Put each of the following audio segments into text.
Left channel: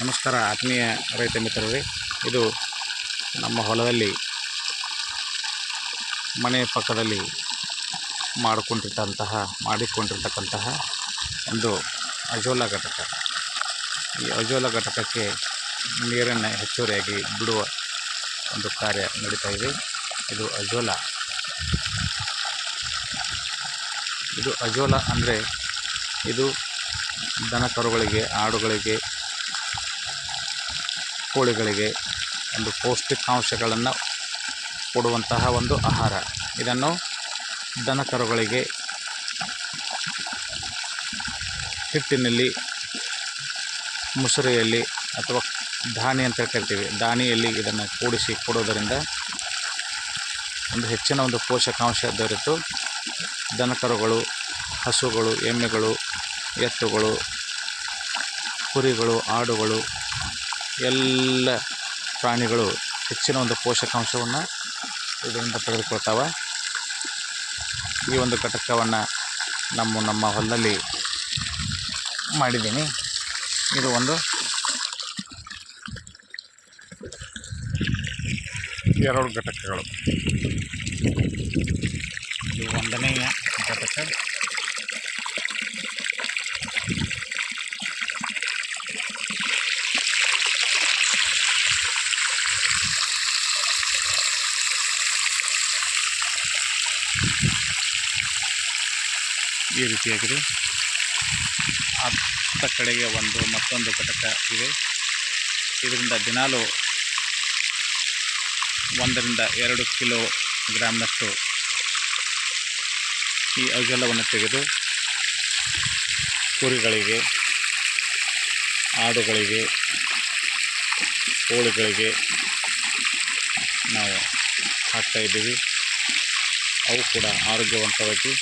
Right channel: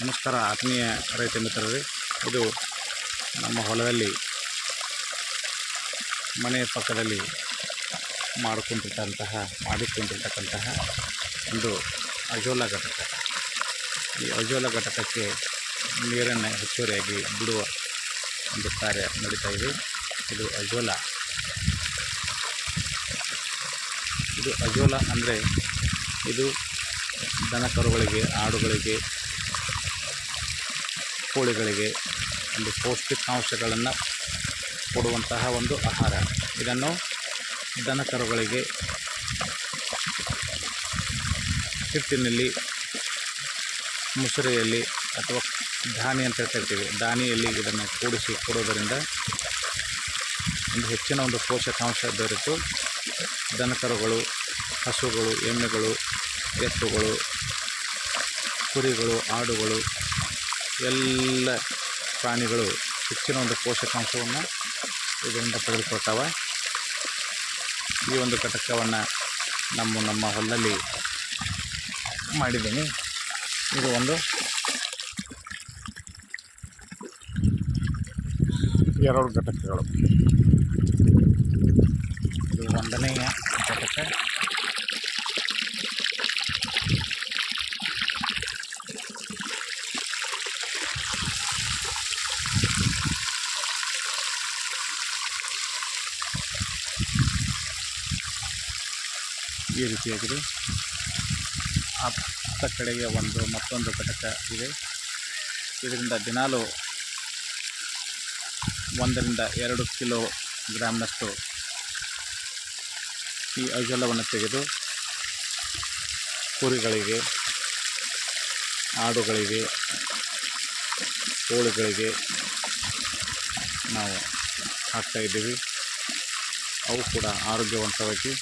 ನಮಸ್ಕಾರ ಆತ್ಮೀಯ ರೈತ ಮಿತ್ರರೇ, ಇದು ನಮ್ಮ ಹೊಲದಲ್ಲಿ ಮನೆ ಪಕ್ಕದಲ್ಲಿ ಮಾಡಿಕೊಂಡಿರ್ತಂತಹ ಮಾಡಿಕೊಂಡಿರ್ತಕ್ಕಂತಹ ಒಂದು ಅಜೋಲಾ ಘಟಕ. ಈ ಅಜೋಲಾ ಘಟಕಕ್ಕೆ ನೀರನ್ನು ಹೆಚ್ಚುವರಿಯಾಗಿ ಬಿಡುವ ಒಂದು ಕಾರ್ಯ ನಡೀತಾ ಇದೆ. ಇದು ಅಜೋಲಾ. ಇದು ಅಜೋಲಾ ಅಂದರೆ ಇದು ದನ ಕರುಗಳಿಗೆ ಆಡುಗಳಿಗೆ ಕೋಳಿಗಳಿಗೆ ಒಂದು ಪೌಷ್ಟಿಕಾಂಶಗಳನ್ನು ಕೊಡುವಂತಹ ಒಂದು ಆಹಾರ. ಇದನ್ನು ದನ ಕರುಗಳಿಗೆ ಹಿಟ್ಟಿನಲ್ಲಿ, ಮುಸುರೆಯಲ್ಲಿ ಅಥವಾ ಧಾನಿ ಅಂತ ಕರಿತೀವಿ. ದಾನಿಯಲ್ಲಿ ಇದನ್ನು ಕೂಡಿಸಿ ಕೊಡೋದರಿಂದ ಒಂದು ಹೆಚ್ಚಿನ ಒಂದು ಪೋಷಕಾಂಶ ದೊರೆತು. ದನಕರುಗಳು, ಹಸುಗಳು, ಎಮ್ಮೆಗಳು, ಎತ್ತುಗಳು, ಕುರಿಗಳು, ಆಡುಗಳು ಎಲ್ಲ ಪ್ರಾಣಿಗಳು ಹೆಚ್ಚಿನ ಒಂದು ಪೋಷಕಾಂಶವನ್ನು ಇದರಿಂದ ಪಡೆದುಕೊಳ್ತಾವೆ. ಈ ಒಂದು ಘಟಕವನ್ನು ನಮ್ಮ ನಮ್ಮ ಹೊಲದಲ್ಲಿ ಮಾಡಿದ್ದೀನಿ. ಇದು ಒಂದು ಎರಡು ಘಟಕಗಳು. ಇದು ಒಂದನೆಯ ಘಟಕ. ಈ ರೀತಿಯಾಗಿದೆ. ಅತ್ತ ಕಡೆಗೆ ಒಂದು, ಮತ್ತೊಂದು ಘಟಕ ಇದೆ. ಇದರಿಂದ ದಿನಾಲು ಒಂದರಿಂದ ಎರಡು ಕಿಲೋ ಗ್ರಾಮ್ನಷ್ಟು ಈ ಅಜಲವನ್ನು ತೆಗೆದು ಕುರಿಗಳಿಗೆ, ಆಡುಗಳಿಗೆ ಕೋಳಿಗಳಿಗೆ ನಾವು ಹಾಕ್ತಾ ಇದ್ದೀವಿ. ಅವು ಕೂಡ ಆರೋಗ್ಯವಂತವಾಗಿ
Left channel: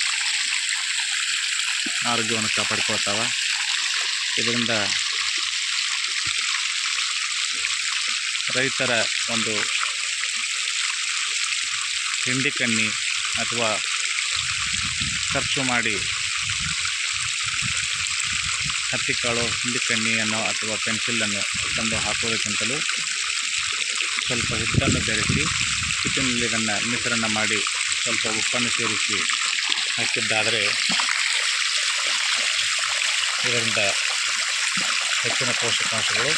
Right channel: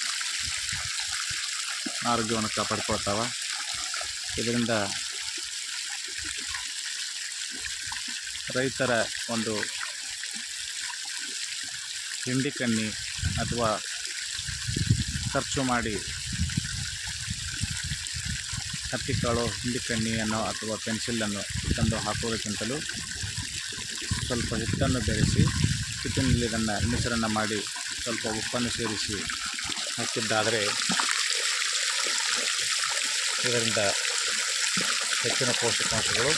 ಆರೋಗ್ಯವನ್ನು ಕಾಪಾಡ್ಕೊಳ್ತಾವೆ. ಇದರಿಂದ ರೈತರ ಒಂದು ಹಿಂಡಿ ಕಣ್ಣಿ ಅಥವಾ ಖರ್ಚು ಮಾಡಿ ಹತ್ತಿಕಾಳು ಹಿಂಡಿ ಕಣ್ಣಿಯನ್ನು ಅಥವಾ ಪೆನ್ಸಿಲನ್ನು ತಂದು ಹಾಕುವುದಕ್ಕಿಂತಲೂ ಸ್ವಲ್ಪ ಹಿಟ್ಟನ್ನು ಬೆರೆಸಿ ಹಿಟ್ಟಿನಲ್ಲಿ ಇದನ್ನು ಮಿಶ್ರಣ ಮಾಡಿ ಸ್ವಲ್ಪ ಉಪ್ಪನ್ನು ಸೇರಿಸಿ ಹಾಕಿದ್ದಾದರೆ ಇದರಿಂದ ಹೆಚ್ಚಿನ ಪೋಷಕಾಂಶಗಳು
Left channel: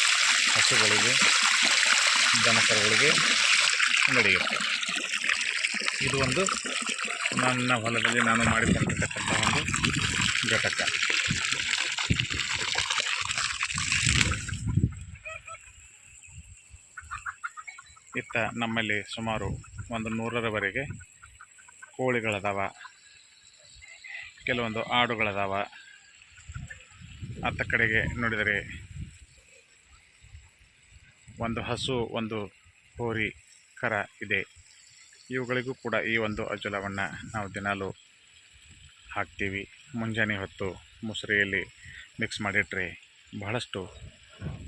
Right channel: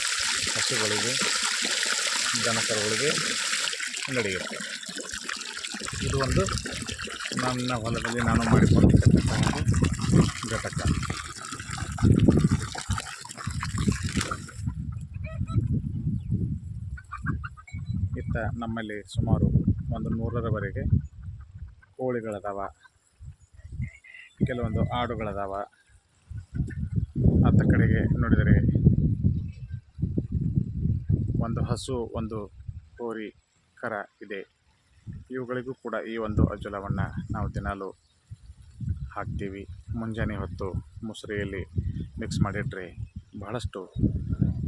ಹಸುಗಳಿಗೆ, ದನಕರುಗಳಿಗೆ ನಡೆಯುತ್ತೆ. ಇದು ಒಂದು ನನ್ನ ಹೊಲದಲ್ಲಿ ನಾನು ಮಾಡಿಕೊಂಡಿರ್ತಕ್ಕಂಥ ಒಂದು ಘಟಕ. ಇತ್ತ ನಮ್ಮಲ್ಲಿ ಸುಮಾರು ಒಂದು ನೂರರವರೆಗೆ ಕೋಳಿಗಳದಾವ, ಕೆಲವೊಂದು ಆಡುಗಳದಾವ. ಅತ್ತ ಕಡೆಗೆ ನೋಡಿದರೆ ಒಂದು ಹಸು, ಒಂದು ಹೋರಿ, ಕರ ಇದೆ. ಇವುಗಳಿಗೂ ಕೂಡ ಈ ಒಂದು ಅಜ್ಜಲವನ್ನು ನಾವು ದಿನಾಲು ಹಾಕ್ತೀವಿ. ಮುಂಜಾನೆ ಹೊತ್ತು ಮುಸುರೆಯಲ್ಲಿ ಮಿಕ್ಸ್ ಮಾಡಿಟ್ರೆ ಬಹಳಷ್ಟು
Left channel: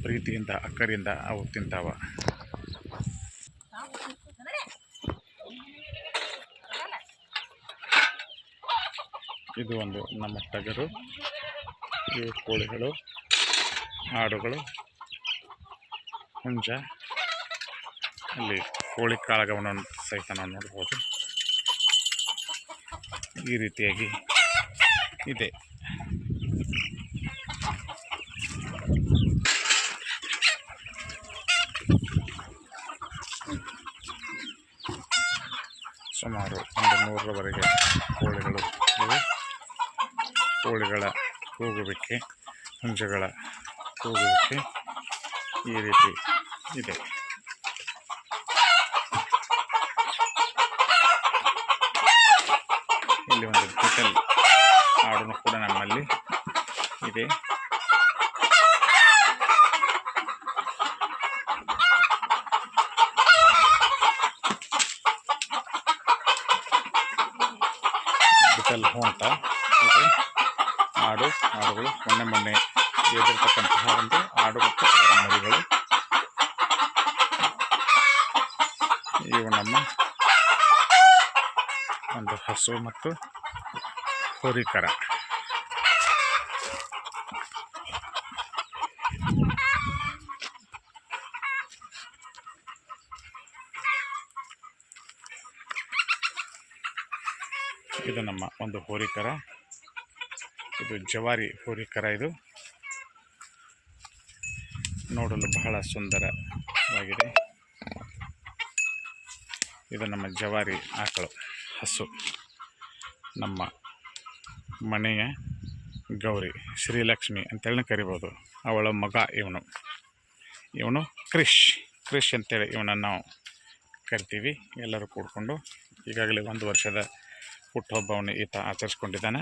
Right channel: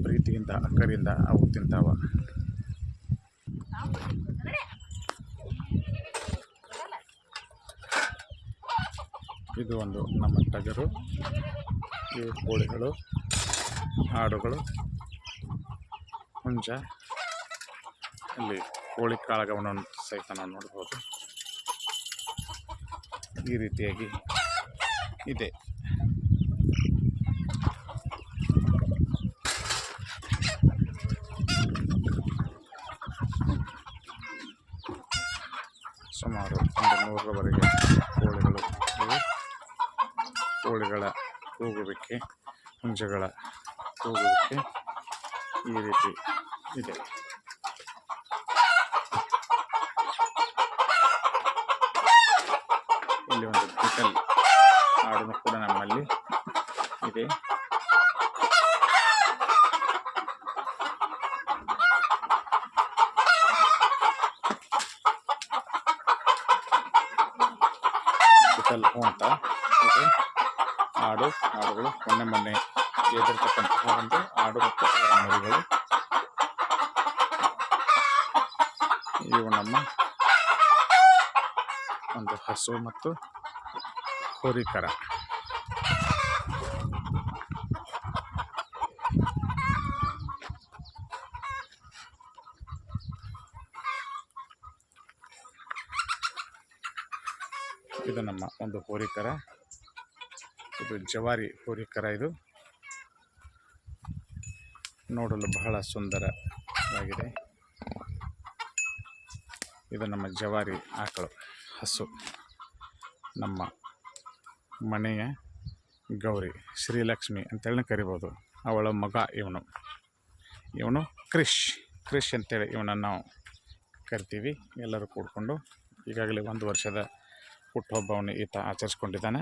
ಪ್ರೀತಿಯಿಂದ, ಅಕ್ಕರಿಂದ ಅವು ತಿಂತಾವ. ಇದು ಒಂದು ನಮ್ಮ ಟಗರು. ಇವು ಕೋಳಿಗಳು, ಆಡುಗಳು. ಹುಂಜ ಅಲ್ಲಿ ಕೋಳಿ ಕಾಳಗವನ್ನು ಸಹಿತ ನಾವು ನೋಡ್ಬೋದು. ಈ ರೀತಿಯಾಗಿ ಇದೆ. ಸುಮಾರು ಒಂದು ನೂರರವರೆಗೆ ಕೋಳಿಗಳು ಇವೆ. ಕೋಳಿಗಳ ಕೂಗುವಿಕೆ ಹುಂಜಗಳ ಕೂಗುವಿಕೆ ಈ ರೀತಿ ಇದೆ. ಇಲ್ಲಿ ಒಂದು ಬಿಟಲ್ ಆಡುನು ಕೂಡ ನಮ್ಮಲ್ಲಿ ಇದೆ. ಬಿಟಲ್ ಹೂ ಅಂತ ಇದೆ. ಆಡು ಆಡುಗಳು ಮೊನ್ನೆ ಮೊನ್ನೆ ಎದುರ್ತಕ್ಕಂತಹ ಒಂದು ಆಡು ಮತ್ತು ಮರಿಗಳು ಇವು ನಮ್ಮ ಒಂದು ಹಸು ಮತ್ತು ಹುರಿಕರ. ಇದು ನಮ್ಮ ಒಂದು ಹೋರಿಕರ. ಇದು ಜವಾರಿ ಹೋರಿಕರ ಇದು. ನೋಡಲು ಬಹಳ ಸುಂದರವಾಗಿದೆ. ಇದು ನಮ್ಮ ಜವಾರಿ ಆಕಳು, ಹಸು. ನಮ್ಮ ಮನೆಯ ಗೌರಿ ಶ್ರೀಲಕ್ಷ್ಮಿ ಅಂತೇಳಿ ಕರಿಬೋದು. ಅವಳ ಮಗ ಇವನು. ಇವನು ಕ್ರಿಶ್ ಕ್ರಿಶ್ ಅಂತೇಳಿ ಇವನನ್ನು ನಾವು ಕರಿತೀವಿ. ಎಲ್ಲರೂ ಕೂಡಿಕೊಂಡು ಈಗಾಗಲೇ ಒಂದು ವರ್ಷದ ಹುಟ್ಟುಹಬ್ಬವನ್ನು ಈತ ಆಚರಿಸ್ಕೊಂಡಿದ್ದಾನೆ.